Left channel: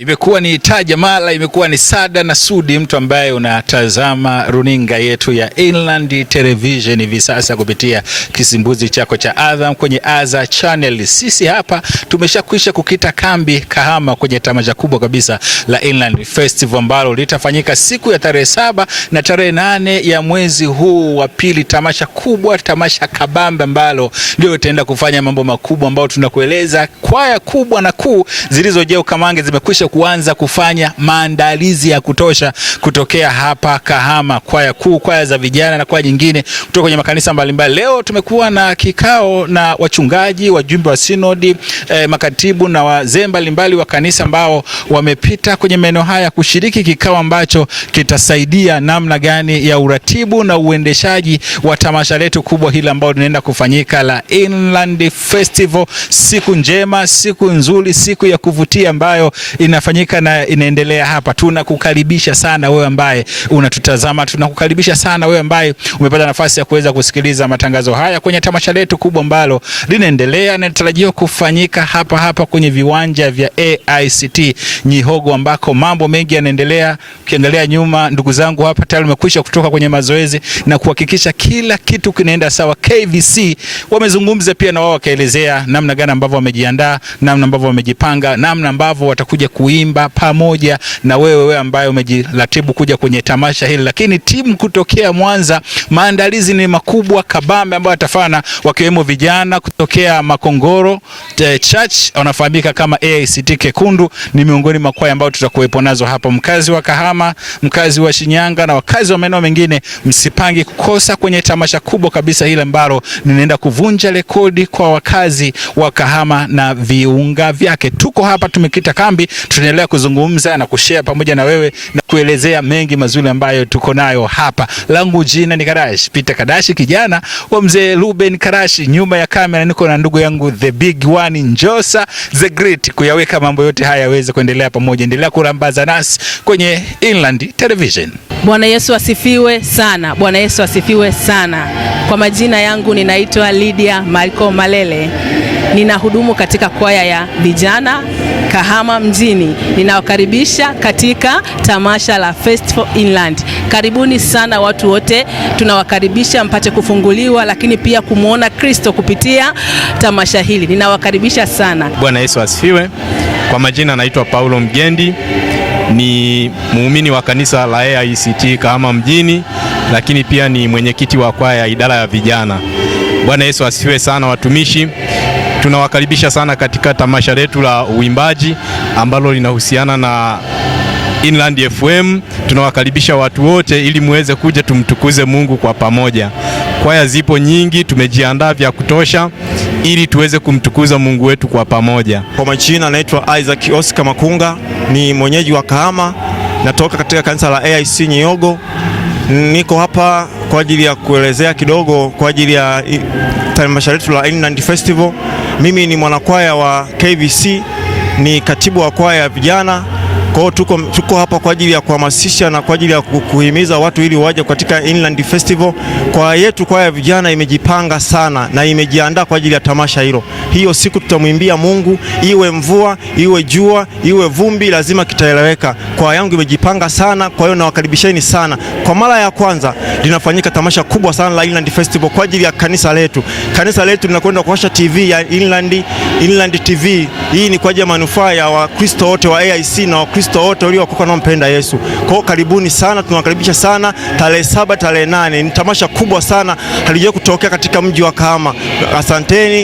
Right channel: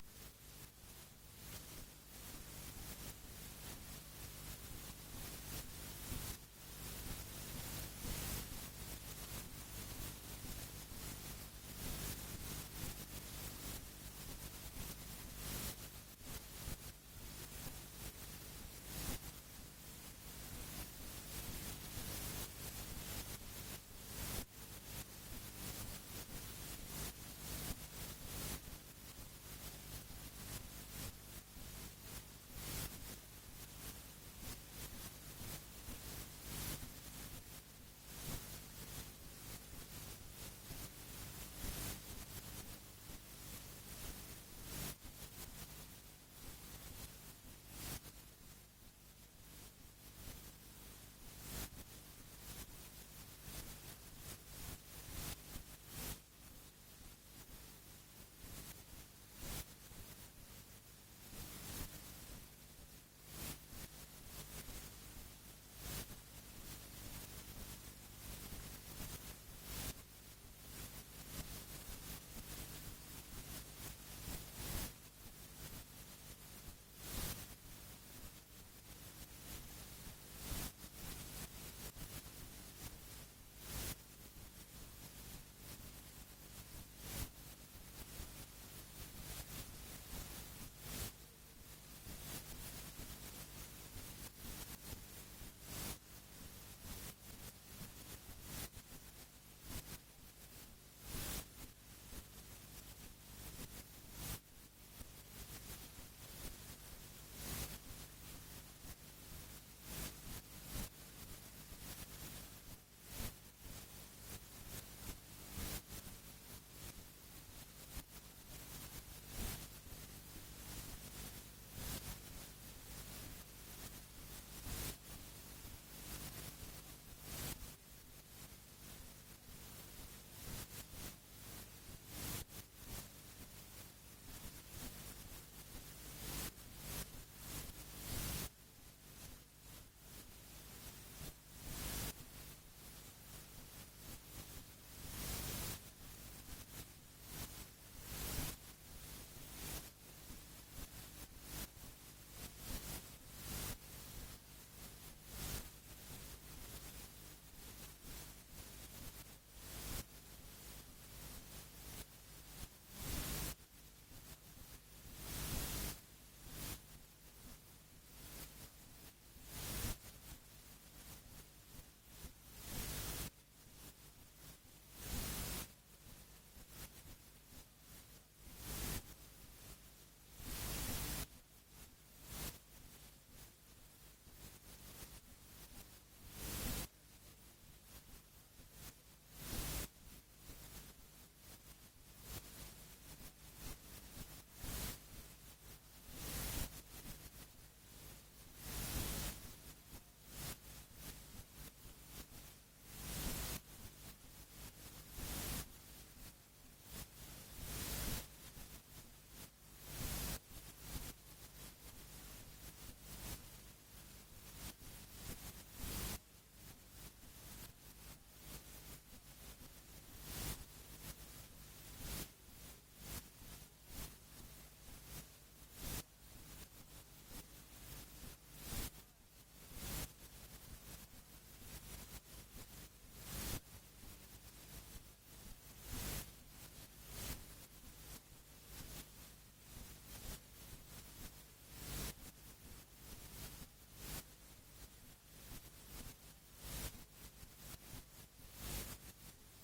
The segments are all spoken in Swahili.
Imekuwa ni Taja Mala, imekuwa ni Sada na Sudi, mtu ambaye unatazama runinga yetu ya Inland Television hivi sasa kupitia kisimbuzi chako cha Azam kwenye Azam Channel. Sisi hapa tumeshakwisha kukita kambi Kahama kwenye tamasha kubwa kabisa la Inland Festival ambalo litafanyika siku ya tarehe 7 na tarehe 8 ya mwezi huu wa pili. Tamasha kubwa, tamasha kabambe ambalo ndio itaenda kufanya mambo makubwa ambao tunakueleza. Kwaya kubwa na kuu zilizojaa ukamange zimekwisha kuanza kufanya maandalizi ya kutosha kutokea hapa Kahama. Kwaya kuu, kwaya za vijana na kwaya nyingine kutoka kwenye makanisa mbalimbali. Leo tumekuwa na kikao na wachungaji, wajumbe wa sinodi, makatibu na wazee mbalimbali wa kanisa ambao wamepita kwenye maeneo haya kushiriki kikao ambacho kitasaidia namna gani ya uratibu na uendeshaji wa tamasha letu kubwa hili ambalo linaenda kufanyika la Inland Festival. Siku njema, siku nzuri, siku ya kuvutia ambayo inafanyika na inaendelea hapa. Tunakukaribisha sana wewe ambaye unatutazama, tunakukaribisha sana wewe ambaye umepata nafasi ya kuweza kusikiliza matangazo haya kwenye tamasha letu kubwa ambalo linaendelea na linatarajiwa kufanyika hapa kwenye viwanja vya AICT Nyihogo, ambako mambo mengi yanaendelea. Ukiangalia nyuma, ndugu zangu hapa tayari wamekwisha kutoka kwenye mazoezi na kuhakikisha kila kitu kinaenda sawa. KVC wamezungumza pia na wao wakaelezea namna gani ambavyo wamejiandaa, namna ambavyo wamejipanga, namna ambavyo watakuja kuimba pamoja na wewe ambaye umejiratibu kuja kwenye tamasha hili. Lakini timu kutokea Mwanza, maandalizi ni makubwa kabambe ambayo watafanya, wakiwemo vijana kutokea Makongoro Church, wanafahamika kama AICT Kekundu, ni miongoni mwa kwaya ambao tutakuwepo nazo hapa. Mkazi wa Kahama, mkazi wa Shinyanga na wakazi wa maeneo mengine, msipangi kukosa kwenye tamasha kubwa kabisa hili ambalo linaenda kuvunja rekodi kwa wakazi wa Kahama na viunga vyake. Tuko hapa tumekita kambi, tunaendelea kuzungumza na kushare pamoja na wewe na kuelezea mengi mazuri ambayo tuko nayo hapa. Langu jina ni Karashi, Peter Kadashi, kijana wa mzee Ruben Karashi. Nyuma ya kamera niko na ndugu yangu the big one Njosa the great, kuyaweka mambo yote haya yaweze kuendelea pamoja. Endelea kurambaza nasi kwenye Inland Television. Bwana Yesu asifiwe sana. Bwana Yesu asifiwe sana. Kwa majina yangu ninaitwa Lydia Marco Malele. Ninahudumu katika kwaya ya vijana Kahama mjini. Ninawakaribisha katika tamasha la Festival Inland. Karibuni sana watu wote, tunawakaribisha mpate kufunguliwa, lakini pia kumuona Kristo kupitia tamasha hili. Ninawakaribisha sana. Bwana Yesu asifiwe. Kwa majina naitwa Paulo Mgendi, ni muumini wa kanisa la AICT Kahama mjini, lakini pia ni mwenyekiti wa kwaya ya idara ya vijana. Bwana Yesu asifiwe sana watumishi. Tunawakaribisha sana katika tamasha letu la uimbaji ambalo linahusiana na Inland FM. Tunawakaribisha watu wote ili muweze kuja tumtukuze Mungu kwa pamoja. Kwaya zipo nyingi, tumejiandaa vya kutosha ili tuweze kumtukuza Mungu wetu kwa pamoja. Kwa majina naitwa Isaac Oscar Makunga, ni mwenyeji wa Kahama, natoka katika kanisa la AIC Nyihogo. Niko hapa kwa ajili ya kuelezea kidogo kwa ajili ya tamasha letu la Inland Festival. Mimi ni mwanakwaya wa KVC, ni katibu wa kwaya ya vijana. Kwa hiyo tuko hapa kwa ajili ya kuhamasisha na kwa ajili ya kuhimiza watu ili waje katika Inland Festival. Kwaya yetu, kwaya ya vijana, imejipanga sana na imejiandaa kwa ajili ya tamasha hilo. Hiyo siku tutamwimbia Mungu, iwe mvua, iwe jua, iwe vumbi, lazima kitaeleweka. Kwaya yangu imejipanga sana, kwa hiyo nawakaribisheni sana. Kwa mara ya kwanza linafanyika tamasha kubwa sana la Inland Festival kwa ajili ya kanisa letu. Kanisa letu linakwenda kuwasha TV ya Inland TV. Hii ni kwa ajili ya manufaa ya Wakristo wote wa AIC na Wakristo wote waliokuwa wanampenda Yesu. Kwa hiyo karibuni sana, tunawakaribisha sana. Tarehe 7, tarehe 8 ni tamasha kubwa sana, halijawahi kutokea katika mji wa Kahama.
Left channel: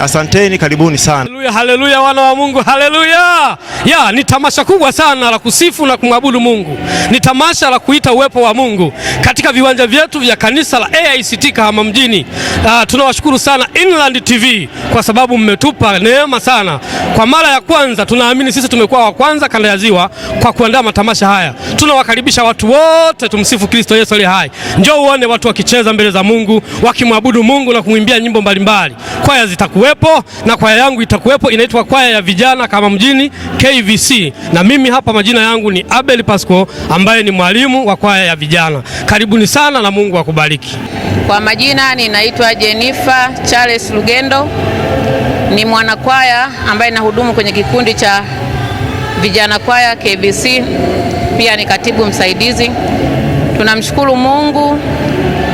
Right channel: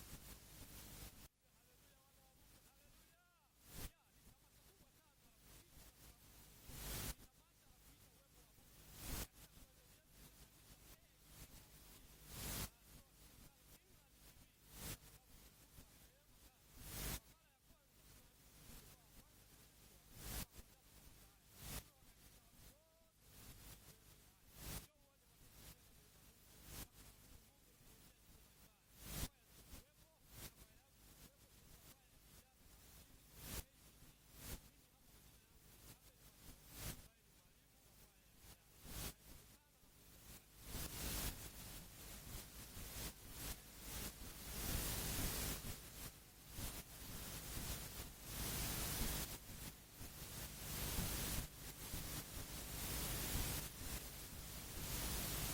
Asanteni, karibuni sana. Haleluya, haleluya wana wa Mungu, haleluya. Ni tamasha kubwa sana la kusifu na kumwabudu Mungu. Ni tamasha la kuita uwepo wa Mungu katika viwanja vyetu vya kanisa la AICT Kahama mjini. Tunawashukuru sana Inland TV kwa sababu mmetupa neema sana. Kwa mara ya kwanza tunaamini sisi tumekuwa wa kwanza kanda ya Ziwa kwa kuandaa matamasha haya. Tunawakaribisha watu wote, tumsifu Kristo Yesu aliye hai. Njoo uone watu wakicheza mbele za Mungu, wakimwabudu Mungu na kumwimbia nyimbo mbalimbali. Kwaya zitakuwepo na kwaya yangu itakuwepo, inaitwa kwaya ya vijana Kahama mjini KVC. Na mimi hapa majina yangu ni Abel Pasco ambaye ni mwalimu wa kwaya ya vijana. Karibuni sana na Mungu akubariki. Kwa majina ninaitwa Jennifer Charles Lugendo, ni mwanakwaya ambaye nahudumu kwenye kikundi cha vijana kwaya KVC, pia ni katibu msaidizi. Tunamshukuru Mungu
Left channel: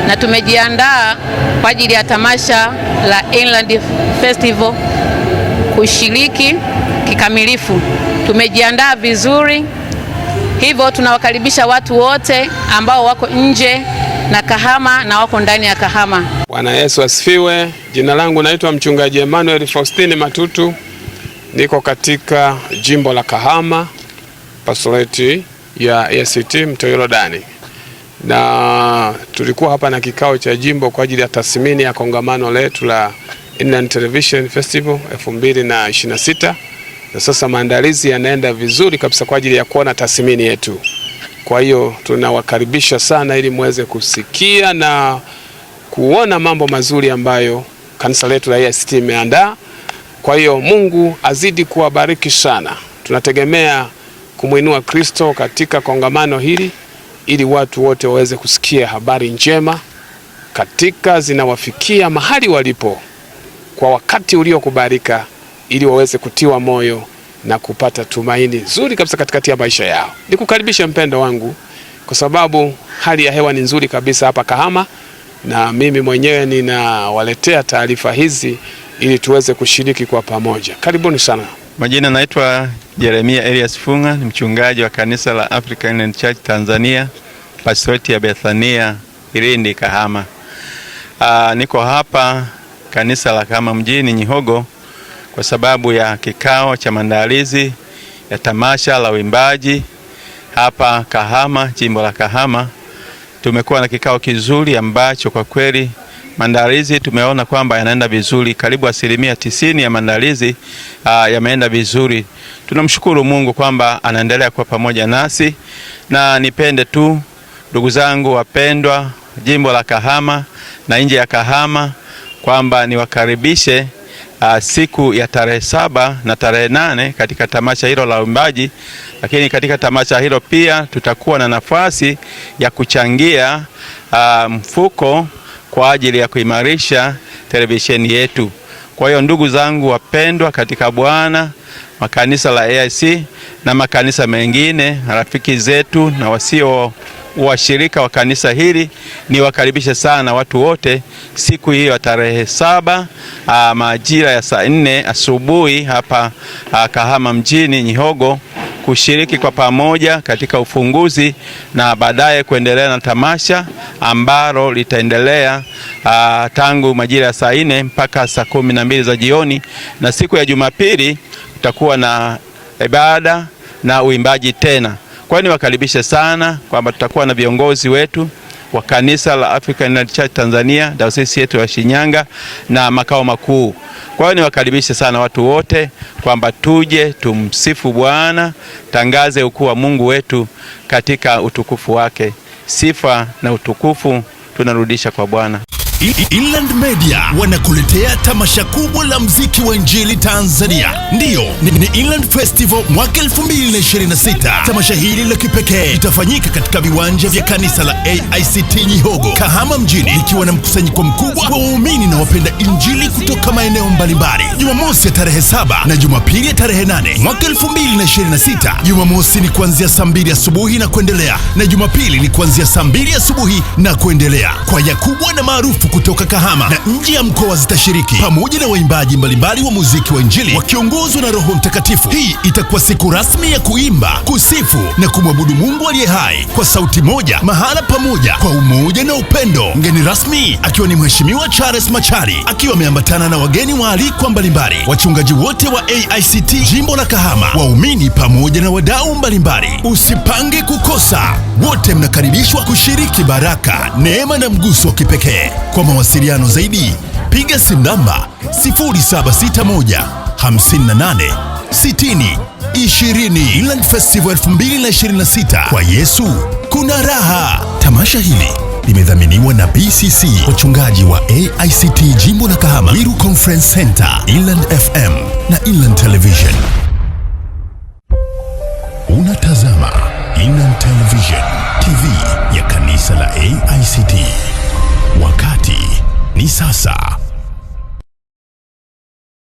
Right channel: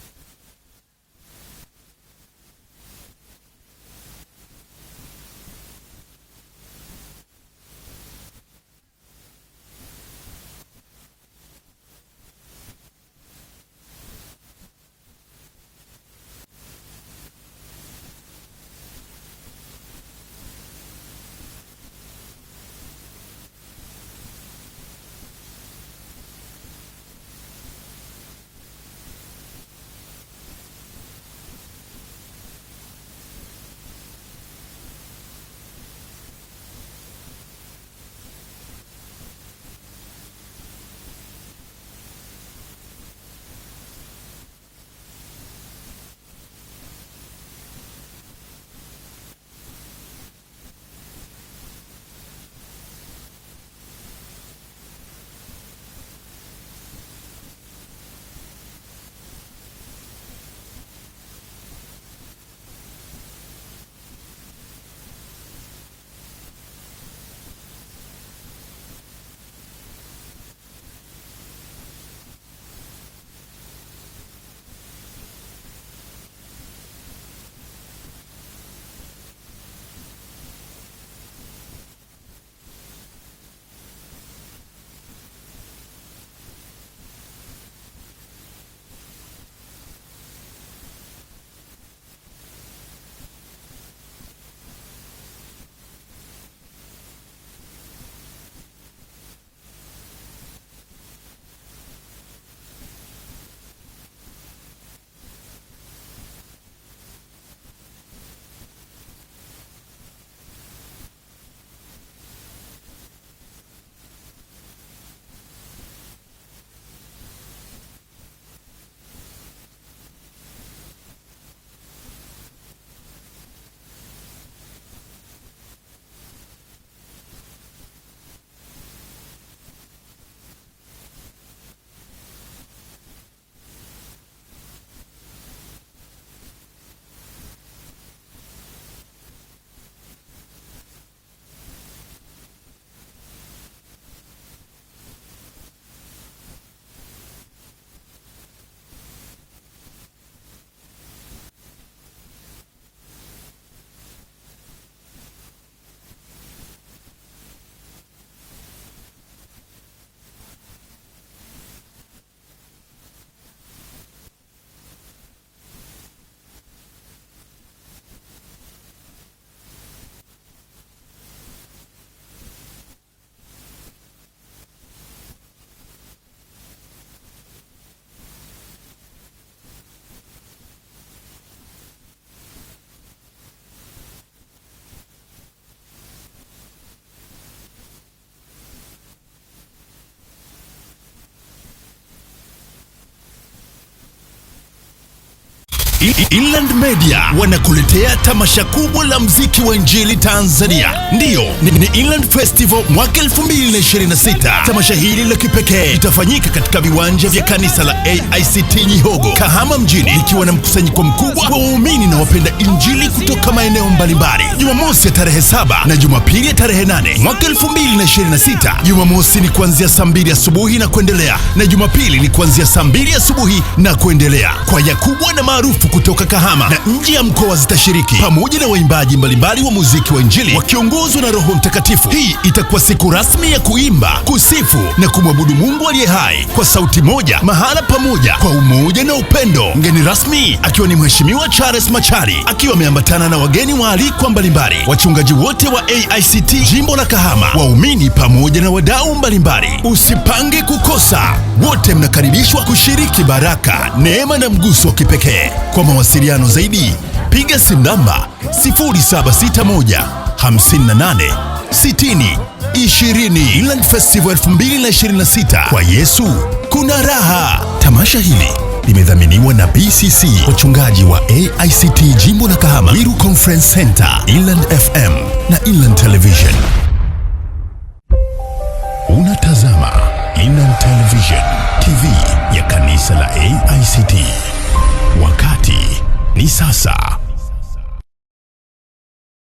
na tumejiandaa kwa ajili ya tamasha la Inland Festival kushiriki kikamilifu. Tumejiandaa vizuri, hivyo tunawakaribisha watu wote ambao wako nje na Kahama na wako ndani ya Kahama. Bwana Yesu asifiwe. Jina langu naitwa mchungaji Emmanuel Faustini Matutu. Niko katika jimbo la Kahama, pastoreti ya ACT Mto Yordani. Na tulikuwa hapa na kikao cha jimbo kwa ajili ya tathmini ya kongamano letu la Inland Television Festival 2026. Na sasa maandalizi yanaenda vizuri kabisa kwa ajili ya kuona tathmini yetu. Kwa hiyo tunawakaribisha sana ili muweze kusikia na kuona mambo mazuri ambayo kanisa letu la ACT imeandaa. Kwa hiyo Mungu azidi kuwabariki sana. Tunategemea kumuinua Kristo katika kongamano hili ili watu wote waweze kusikia habari njema katika zinawafikia mahali walipo kwa wakati uliokubalika, ili waweze kutiwa moyo na kupata tumaini zuri kabisa katikati ya maisha yao. Nikukaribisha mpendo wangu, kwa sababu hali ya hewa ni nzuri kabisa hapa Kahama, na mimi mwenyewe ninawaletea taarifa hizi ili tuweze kushiriki kwa pamoja. Karibuni sana. Majina naitwa Jeremia Elias Funga, ni mchungaji wa kanisa la African Inland Church Tanzania, pastoreti ya Bethania Irindi Kahama. Niko hapa kanisa la Kahama mjini Nyihogo kwa sababu ya kikao cha maandalizi ya tamasha la uimbaji hapa Kahama, jimbo la Kahama. Tumekuwa na kikao kizuri ambacho kwa kweli maandalizi tumeona kwamba yanaenda vizuri. Karibu 90% ya maandalizi yameenda vizuri. Tunamshukuru Mungu kwamba anaendelea kuwa pamoja nasi, na nipende tu ndugu zangu wapendwa jimbo la Kahama na nje ya Kahama kwamba niwakaribishe siku ya tarehe 7 na tarehe 8 katika tamasha hilo la uimbaji. Lakini katika tamasha hilo pia tutakuwa na nafasi ya kuchangia mfuko kwa ajili ya kuimarisha televisheni yetu. Kwa hiyo ndugu zangu wapendwa katika Bwana, makanisa la AIC na makanisa mengine, rafiki zetu na wasio washirika wa kanisa hili, ni wakaribisha sana watu wote siku hiyo tarehe 7 majira ya saa 4 asubuhi hapa Kahama mjini Nyihogo, kushiriki kwa pamoja katika ufunguzi na baadaye kuendelea na tamasha ambalo litaendelea tangu majira ya saa 4 mpaka saa 12 za jioni. Na siku ya Jumapili tutakuwa na ibada na uimbaji tena. Kwa hiyo niwakaribishe sana kwamba tutakuwa na viongozi wetu wa kanisa la African Inland Church Tanzania, dayosisi yetu ya Shinyanga na makao makuu. Kwa hiyo niwakaribishe sana watu wote kwamba tuje tumsifu Bwana, tangaze ukuu wa Mungu wetu katika utukufu wake. Sifa na utukufu tunarudisha kwa Bwana. Inland Media wanakuletea tamasha kubwa la mziki wa Injili Tanzania. Ndiyo, ni Inland Festival mwaka 2026. Tamasha hili la kipekee litafanyika katika viwanja vya kanisa la AICT Nyihogo, Kahama mjini, likiwa na mkusanyiko mkubwa wa waumini na wapenda Injili kutoka maeneo mbalimbali. Jumamosi ya tarehe 7 na Jumapili ya tarehe 8 mwaka 2026. Jumamosi ni kuanzia saa 2 asubuhi na kuendelea, na Jumapili ni kuanzia saa 2 asubuhi na kuendelea. Kwaya kubwa na maarufu kutoka Kahama na nje ya mkoa zitashiriki, pamoja na waimbaji mbalimbali wa muziki wa Injili wakiongozwa na Roho Mtakatifu. Hii itakuwa siku rasmi ya kuimba, kusifu na kumwabudu Mungu aliye hai kwa sauti moja, mahala pamoja, kwa umoja na upendo. Mgeni rasmi akiwa ni Mheshimiwa Charles Machari, akiwa ameambatana na wageni waalikwa mbalimbali, wachungaji wote wa AICT jimbo la Kahama, waumini pamoja na wadau mbalimbali. Usipange kukosa, wote mnakaribishwa kushiriki baraka, neema na mguso wa kipekee. Kwa mawasiliano zaidi piga simu namba 0761 58 60 20 Inland Festival 2026. Kwa Yesu kuna raha. Tamasha hili limedhaminiwa na BCC, wachungaji wa AICT Jimbo la Kahama, Miru Conference Center, Inland FM na Inland Television. Unatazama Inland Television, TV ya kanisa la AICT. Wakati ni sasa.